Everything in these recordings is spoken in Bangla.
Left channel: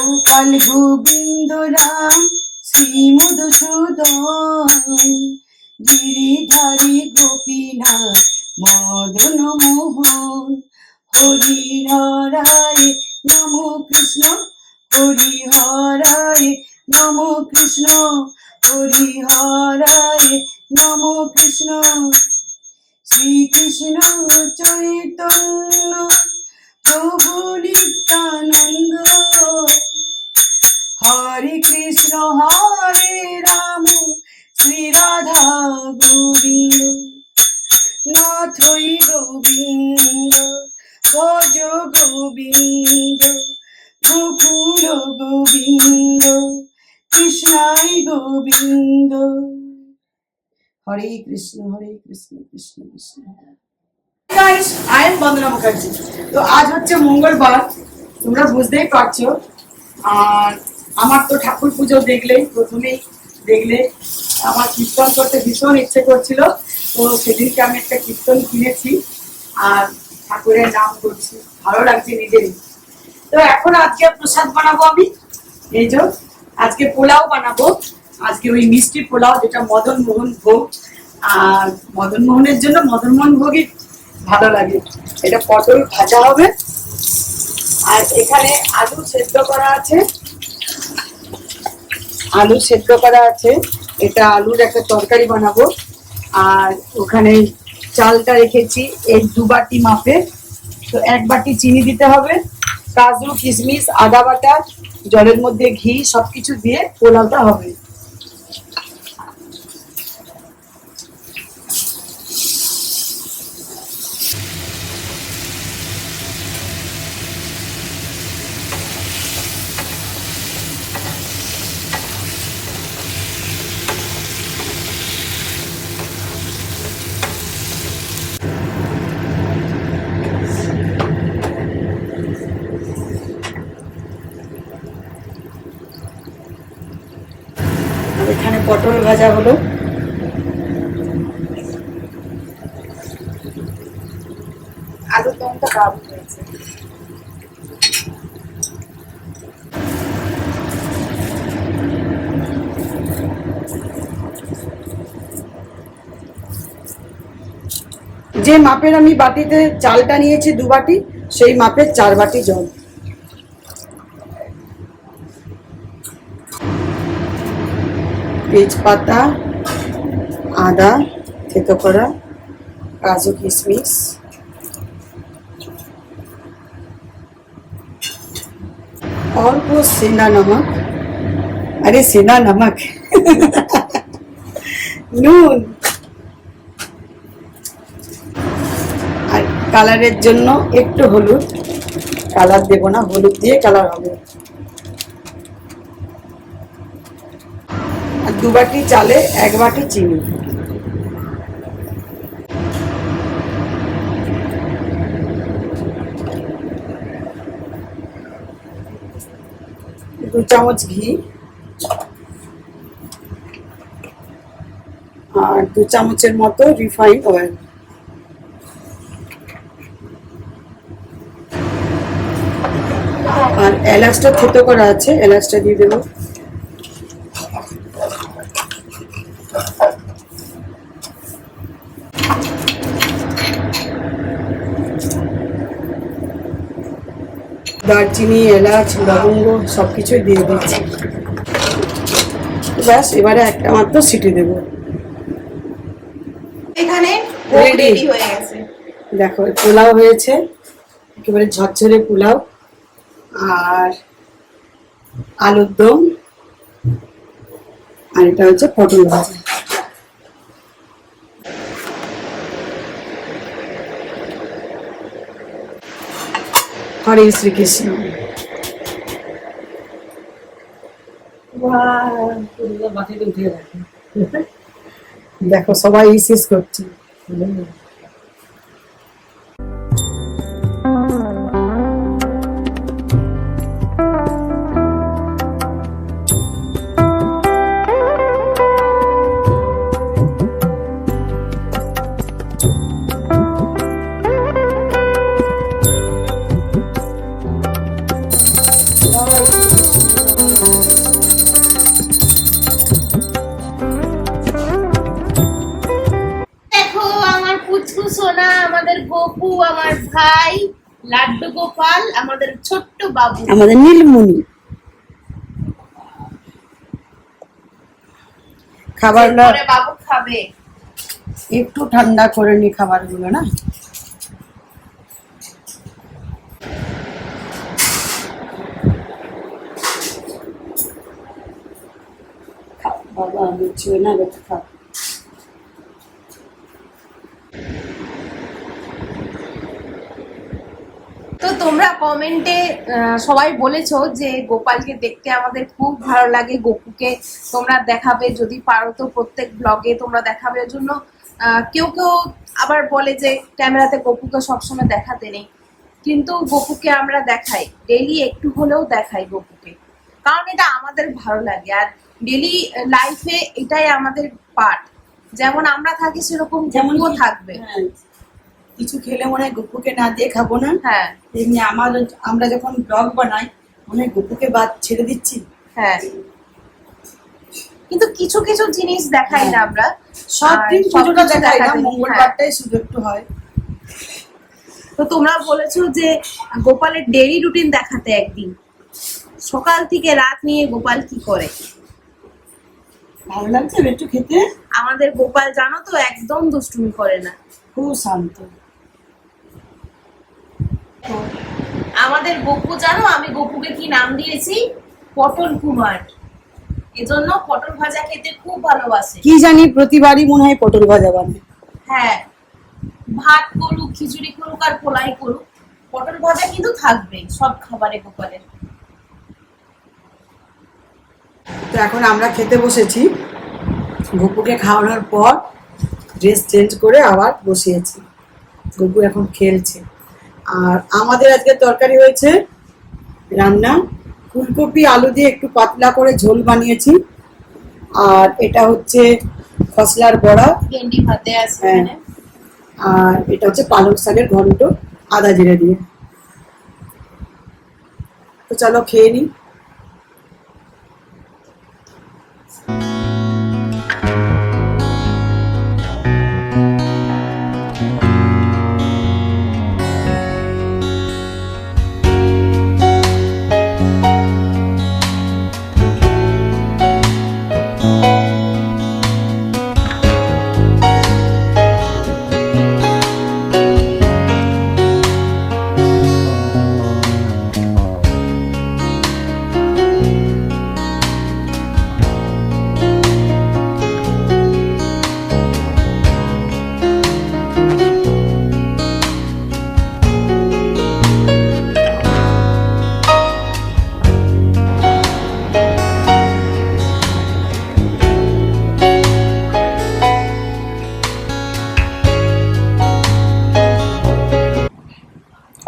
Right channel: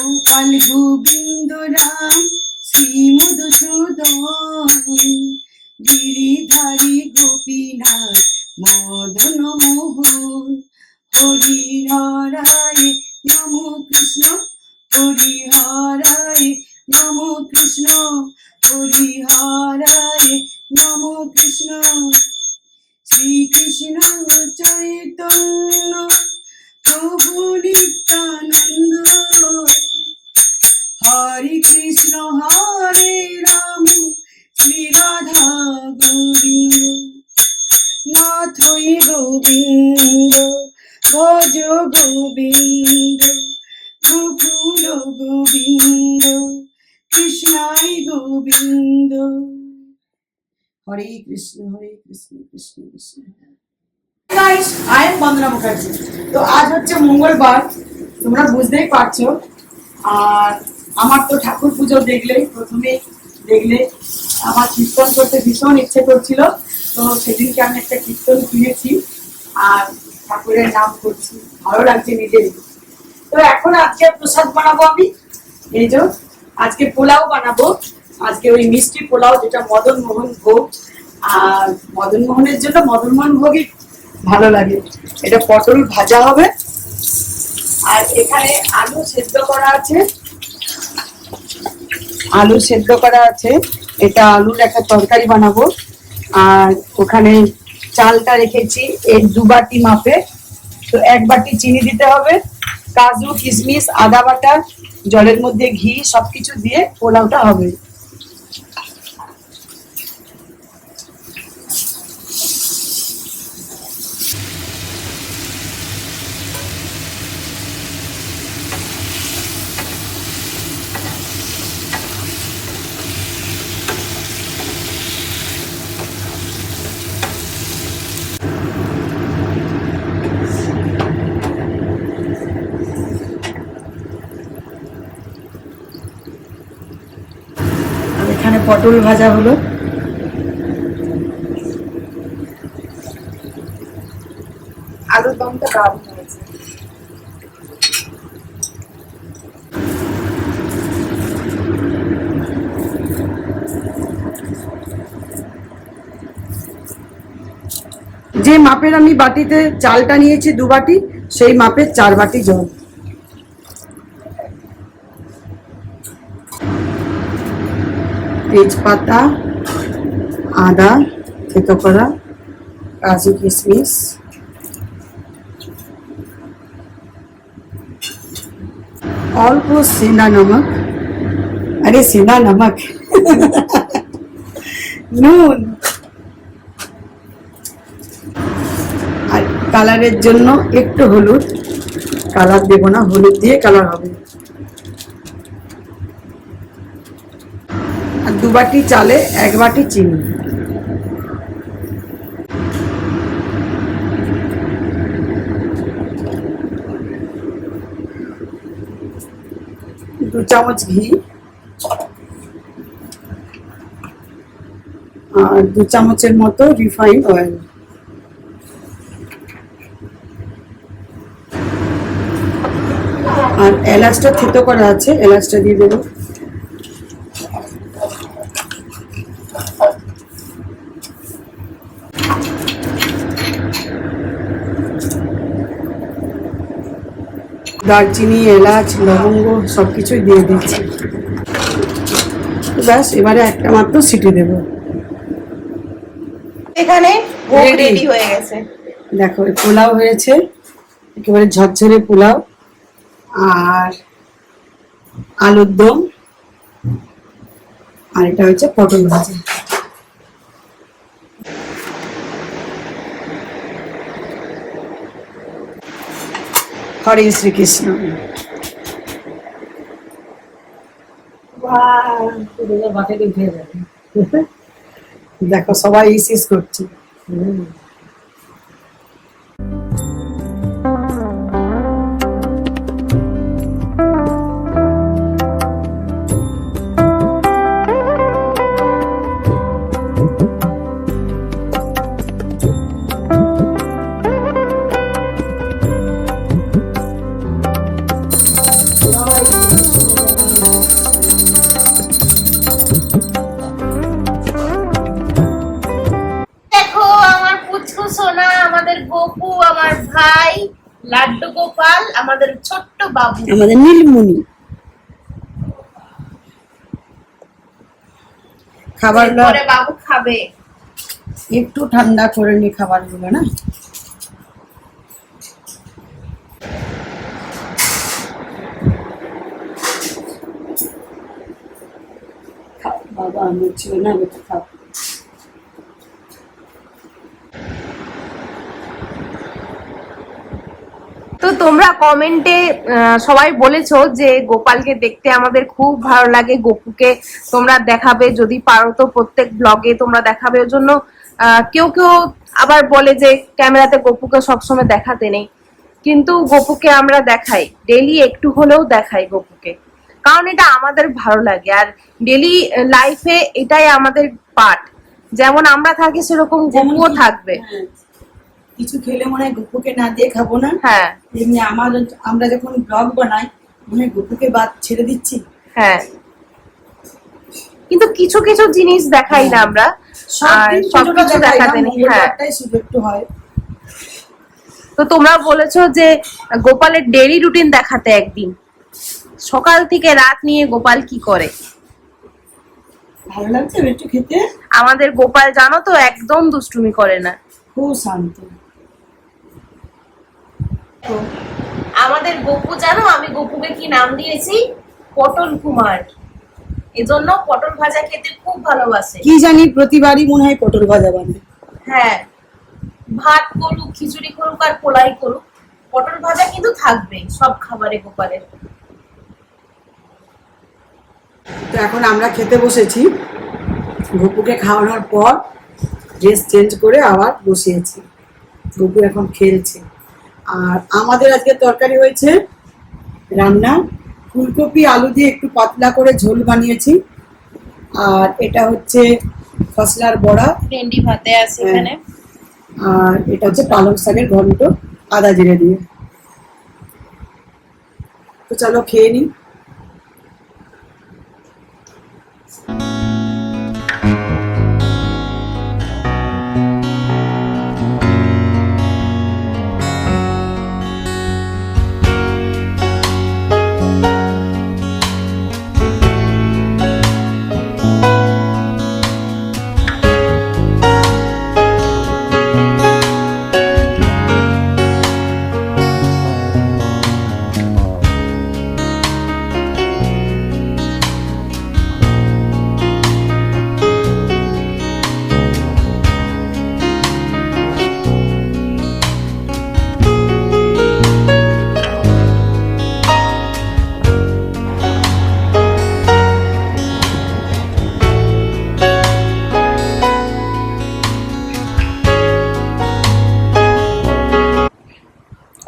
গোপাল গোবিন্দ রাম শ্রী মধুসূদন গিরিধারী গোপীনাথ মদন মোহন হরি হরায় নম কৃষ্ণ হরি হরায় নম কৃষ্ণ হরি হরায় নম কৃষ্ণ শ্রীকৃষ্ণ চৈতন্য প্রভু নিত্যানন্দ হরে কৃষ্ণ হরে রাম শ্রী রাধা গোবিন্দ নাথই গোবিন্দ ভজ গোবিন্দ গোকুল গোবিন্দ কৃষ্ণাই Govinda. Hare Krishna Krishna Krishna. Guys, I am Bandana Mukherjee. তো আজ হচ্ছে মঙ্গলবার, তোমরা বুঝতেই পারছো। আর আমার তো ঠাকুর পুজো প্রথমেই দেখলে আমার কীর্তন করতে ভীষণ ইচ্ছে করছিল। তো সেদিনকে আমি একটা কীর্তন কিনেছি আর ঠাকুরের নাম করছি, ভালো লাগছে নিজেরই। তো এখন আজকে প্রসাদ বানাবো আমি, এই যে আজকে পোলাও বানাবো। আজকে ওই মিষ্টি পোলাও, যেটা মদন মোহন ভোগ। আর মদন মোহনের জন্য মদন মোহন ভোগই ভালো লাগে। এটা পটল ভাজা হবে আর এখানে আলু সেদ্ধ করা আছে, এটা আলুর একটা তরকারি বানাবো। আর ওখানে চালটা রেখেছি এই 2 বাটি মাপে। তো 1 বাটি চিনি দিতে হবে, কাজু কিশমিশ আদা বাটা জলের মধ্যে ঘি সবকিছু দিয়ে পোলাওটা হবে। এখানে পটল ভাজা হলো, আলুর দমটা দারুণ হয়েছে। যে মাপের আমি বাটিতে চালটা নিয়েছি 2 বাটি, সেই মাপের 4 বাটি জল। তেজপাতা আদা থেতো করা, কাজু কিশমিশ, অল্প সেনা নমক, আরে সেনা নমক নুন, আর কালারের জন্য একটু হলুদ। কালার দেবো না, হলুদ দিয়ে কালার হবে। 2 বাটি চালে 1 বাটি চিনি। দু চামচ ঘি আর 2 চামচের মতো রিফাইন্ড অয়েল। আর এলাচটা থেতো করা আছে, এলাচটা দিয়ে দেবো। দারচিনি এলাচ লবঙ্গ সবকিছুই দিয়ে দিচ্ছি। ব্যাস, এবারে একটা মাত্র সিটি দেবো। এখানে ভোগ রেডি হয়ে গেছে, দেখো পোলাও হয়েছে, একেবারে ঝরঝরে পোলাও। আর আলুর দম, আর এটা হচ্ছে পটল ভাজা। হরে শ্রীকৃষ্ণ। দেখো সবাই ইসিস করছে। লাড্ডু গোপাল আমাদের ছোট্ট বাবু। আমাদের নীলমণি। খাবার পরে বাবু খাবে। একটু ঠান্ডা করে নি খাবারগুলো না। বাবা মুছিও না বেটা খাও। তো তোমরা কমেন্টে সবাই বলেছো যে গোপালকে দেখতে আমাদের খুব ভালো লাগে, গোপুকে তোমরা দেখাবে, যদি পারো তো প্রত্যেক ব্লগে তোমরা দেখাবে। ওর জন্য কেউ কেউ আবার বলে যে ক্যামেরাতে গোপুকে সবসময় দেখাতে নেই, কিন্তু গোপুকে আমরা দেখাই, ডেইলি একটু হলেও দেখাই গোপুকে, কারণ এটা আমাদের ভালো লাগে। আর ডেইলি লাইফে এটাই আমাদের পার্ট, যেমন আমরা থাকি সেরকম গোপুও থাকবে। হ্যাঁ, কিছু খেলে মনে হয় গপুকে না দিয়ে খাবো না। হ্যাঁ, এমনি আমরা যখন ব্লগ বানাই মনে হয় গপুকে বাদ ছেড়ে দিচ্ছি। হ্যাঁ, কিন্তু কিছু কিছু জিনিস দেখাই না আমরা, সব দিন সবকিছু দেখাই না, দেখাতে নেই। হ্যাঁ, মঙ্গলবারটাই শুধু একটু হয়। তো তোমরা বলেছো যে গোপালের ডেইলি রুটিন দেখাতে, একদিন সকাল থেকে রাত নিয়ে গোপাল কি করে। ভালো লাগছে একটু খেতে। আমাদের গোপাল জানো তো একদম দুষ্টুমি করে না, খুব শান্ত। আমাদের গপু জানো, আমি গপুকে কি নাম দিয়েছি? পটল কুমার। এজন্য পটল ভাজা খেতে খুব ভালোবাসে। কি জানি প্রতিবারই মনে হয় পটল ভাজা বানায়। হ্যাঁ, ভাত করুক, খিচুড়ি করুক আর পোলাই করুক, পটল ভাজা কিন্তু থাকবে সব খাবারে গোপালের। তো এখন আমরা খেতে বসেছি। গপুকে খাওয়ানোর পর ড্রেস চেঞ্জ করে আবার বসিয়েছি। গপু এখন খেলছে। আর আমাদের আজকে তরকারি হয়েছে রান্না, ফুলকপি আলু দিয়ে একটু পাতলা করে ঝোল বানিয়েছি। আর এটা হচ্ছে খসলার বড়া, ভেন্ডি ভাতে আছে এখানে। আর এটা হচ্ছে পালং শাকের ঘন্ট আদা জিরে দিয়ে। তো চলো খেয়ে নিই।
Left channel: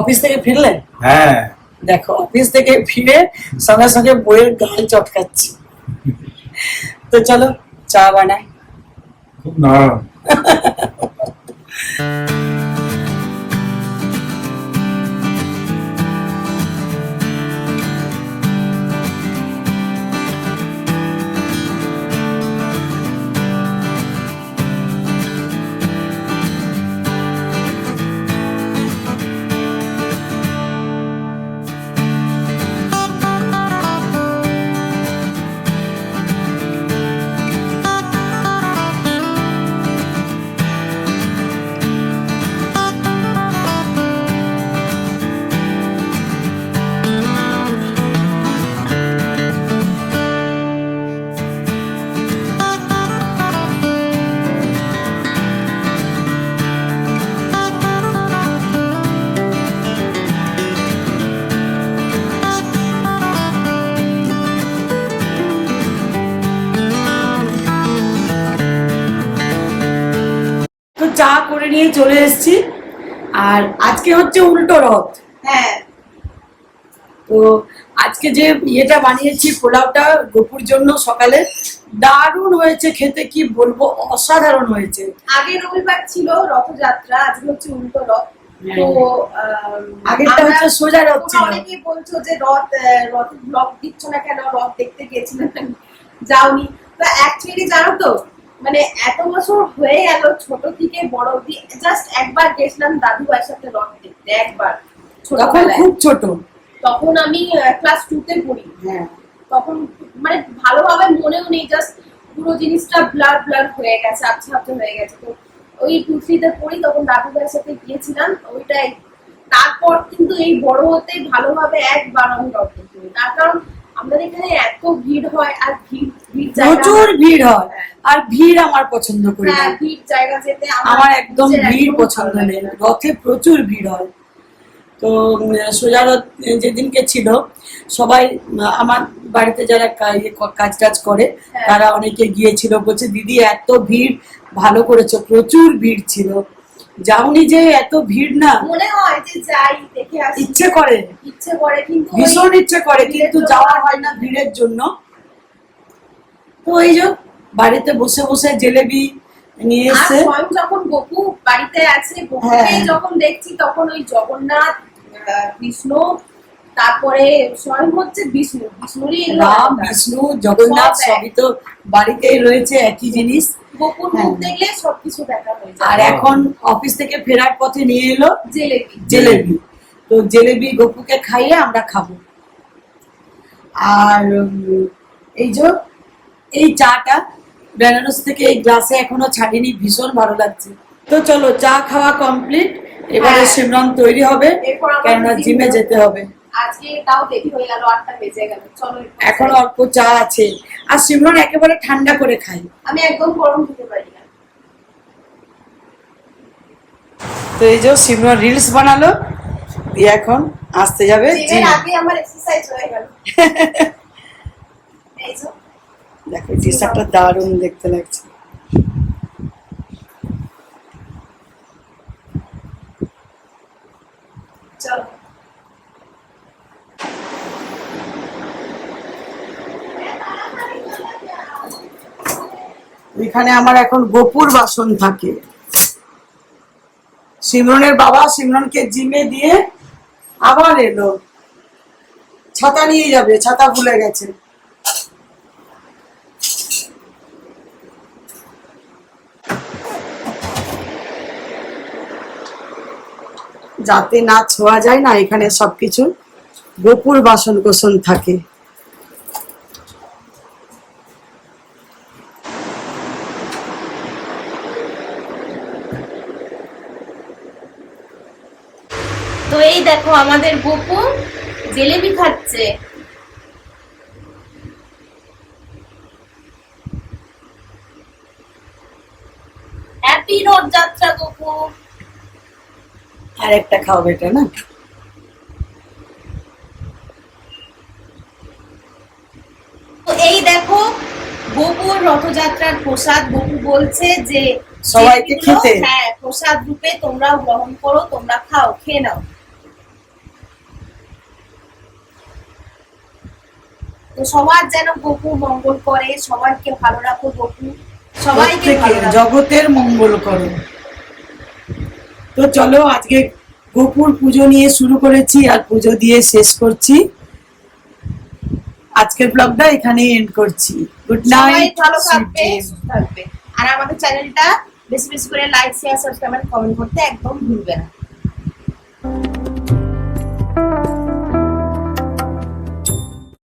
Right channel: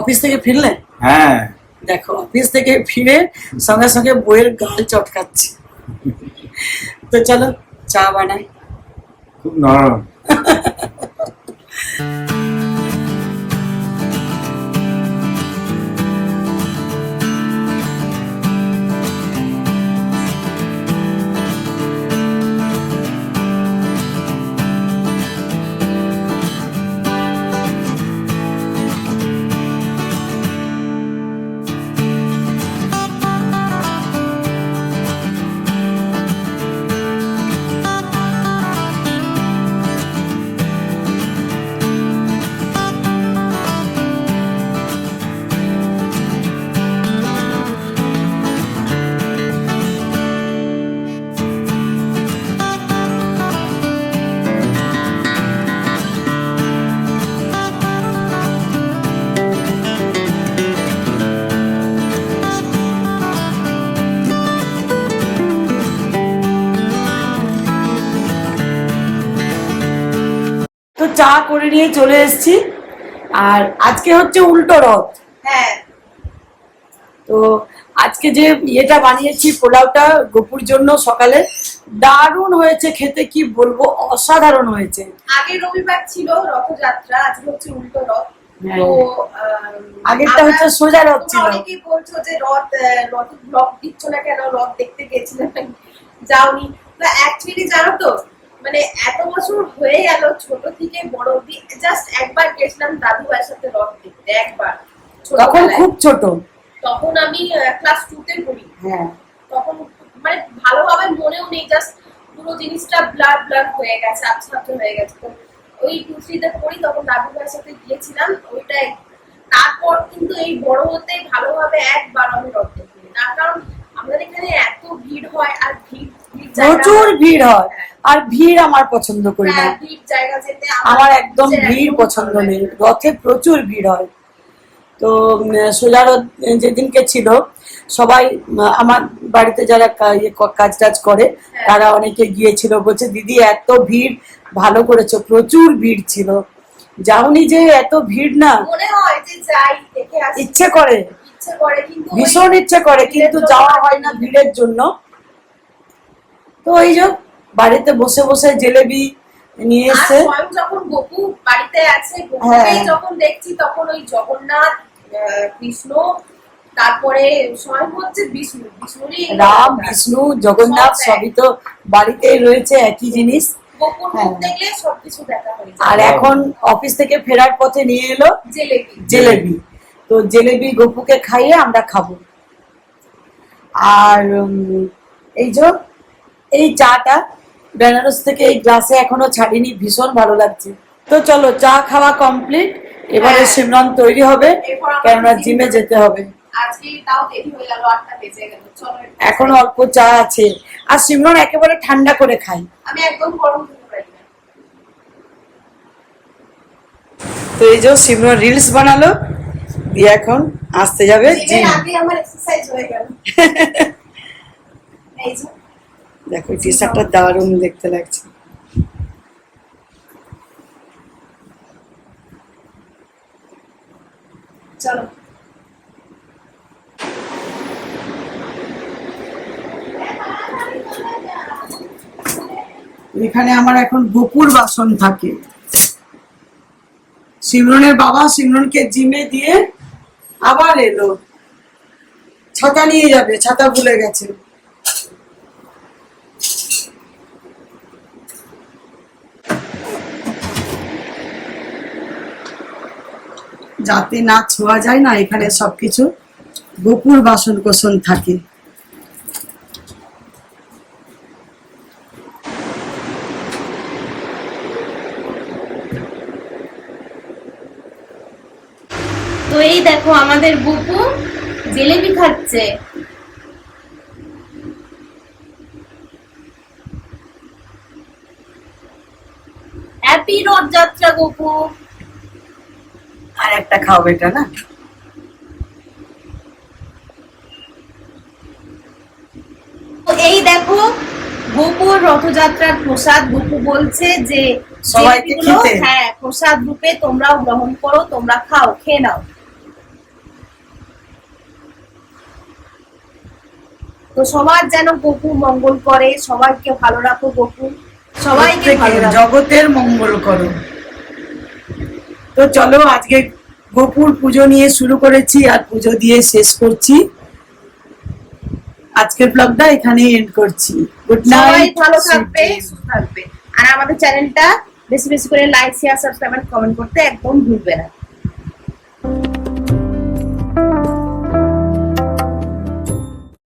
অফিস থেকে ফিরলে? হ্যাঁ, দেখো অফিস থেকে ফিরে সঙ্গে সঙ্গে বইয়ের গাল চটকাচ্ছি। তো চলো চা বানাই। খুব নরম। চা করে নিয়ে চলে এসেছি। আর আজকে হচ্ছে উল্টো রথ। হ্যাঁ, তো আজকে যে ইয়েটা বানিয়েছি পোলাওটা গপুর জন্য সকালে, দারুণ হয়েছে খেতে, কি বলবো, অসাধারণ হয়েছে। আগে রবিবার ছিল রথযাত্রা, আজকে হচ্ছে উল্টো রথ। তো আগেরটা হচ্ছে সোজা রথ ছিল। অনেকেই বলছো যে রথের ব্লগ দিচ্ছ না কেন, রথ দেখতে গেছিলাম যাওনি। তো অ্যাকচুয়ালি জানো তো, মানে এত বছর হয়ে গেল ছোট থেকে বড় অব্দি জাস্ট একবার গেছিলাম দাদু ভাইয়ের সাথে রথ দেখতে, একবার। তখন ছোটবেলায়। খুব ছোট। তখন আমি ক্লাস 2 তে পড়ি। হ্যাঁ, তখন মানে ভালোভাবে মনেও নেই, জাস্ট পুরো জিনিসটা ব্লার ব্লার হয়ে গেছে, আবছা আবছা হয়ে গেছে। তো ওই 2-3 তে পড়ি, তখন দাদু ভাইয়ের সাথে গিয়েছিলাম ওইটাই। তারপর কিন্তু এই বড় হতে ভালোভাবে একবার আমি রথ দেখিনি, তার কারণ আমাদের এখানে এত ভিড় হয়, আর ভিড় ভিড় জায়গা, প্রচুর ভিড় হয়। হ্যাঁ। আর ভিড় আমার পছন্দ করি না, হ্যাঁ, ভিড় জায়গা যেতে আমার একদম নিজের ভিড় একদমই পছন্দ ভালো নেই। লাগে না। রথে প্রচুর ভিড় হয়। তো সোজা রথ যেদিনকে ছিল, সবাই আমার বাড়িতে যারা কাজ টাজ করে হ্যাঁ। তারা অনেকে গিয়েছিল, বলছে দিদি এত ভিড়, ভালো করেছো, প্রচুর ভিড় ছিল। যাওনি যে এত ভিড় না, মনে হয় যে যাই দেখে আসি, ইচ্ছে করে, ইচ্ছে করে, কিন্তু ওই ভীষণ ইচ্ছে করে, ভিড়ের কিন্তু জন্য যাওয়া হয় না ভিড়ের জন্য। তো এই যে বাড়িতে বসে বসে জিলেবি নিয়ে আর এসে, স্বয়ং যখন গপু বাড়িতে আছে, গপুকে হ্যাঁ। যখন দেখছি তখন ওই জগন্নাথ, কৃষ্ণ, তারপরে স্বয়ং হচ্ছে বিষ্ণুরই এগুলো রাম অবতার। বিষ্ণু জগন্নাথ সব এক। সবই তো বাড়িতেই রয়েছে, একই জিনিস। গপুর মুখ হ্যাঁ। দেখলে সবকিছু দেখা হয়ে আর যায়। এখন অফিস থেকে ফেরার পথে নিয়ে এলো জিলেবি। জিলেবি, তো জিলেবি গপুকে খাইয়ে আমরা খাবো। আর এই যে এই চাটা বেনারস থেকে এই গ্লাসে এখনো ছাড়িনি, ভীষণ ভালো লাগছে। তো চলো, চা খাওয়া কমপ্লিট, এবারে হ্যাঁ। সিমরন তৈরি হবে, এরপর আমাদের কেননা জিমে যেতে হবে। আজকে তাও দেরি হয়ে গেল, 8টা বেজে গেল। চলো এরপর এখন যাই। অল্প চা আছে, আর সিমরন একেবারে ঠান্ডা করে খাই। আমি একদম গরম খেতে পারি না। তো এই যে সিমরন রিলস বানালো, দিয়ে এখন আসতে যাবে জিমের জিম। আগে আমার এক্সারসাইজ হয়ে গেল। এই যে দেখো টি শার্টটা দারুণ দেখতে লাগছে। চলো। এখানে আমার এখন গোপুর বাসন থাকে। সিমরনের বাবা সিমরনকে জিমে দিয়ে আবার এলো, ছাতা নিয়ে যাবে, ছাতা ভুলে গেছে। যাতে না ছোঁয়া যায় না, এখানে সবকিছু গোপুর বাসন কোসন থাকে। তো এই দেখো আমাদের গপু জিলেবি খাচ্ছে। হ্যাপি রথযাত্রা গপু। আর একটা খাও এটা না, তো এই দেখো গপুর রথযাত্রার প্রসাদ। গপু বলছে যে সবাইকে জিলেবিগুলো, খেতে। হ্যাঁ, প্রসাদ রূপে তোমরাও গ্রহণ করো, তোমরা খাও, খেয়ে নাও। তো সবার যেন গপু মঙ্গল করে, সবাইকে ভালো রাখো গপু, সবাইকে ভালো রাখো। জগতের মঙ্গল করো। তো চলো, আজকে গোপুর পুজো নিয়ে শুরু করেছি, আর পুজো দিয়ে শেষ করছি। আজকের ব্লগটা এখানে এন্ড করছি। গুড সবাই নাইট, ভালো থাকবে, সুস্থ থাকবে। আর আমাদের চ্যানেলটা বেশি বেশি করে লাইক, শেয়ার, সাবস্ক্রাইব আর কমেন্ট করতে একদম ভুলবে না।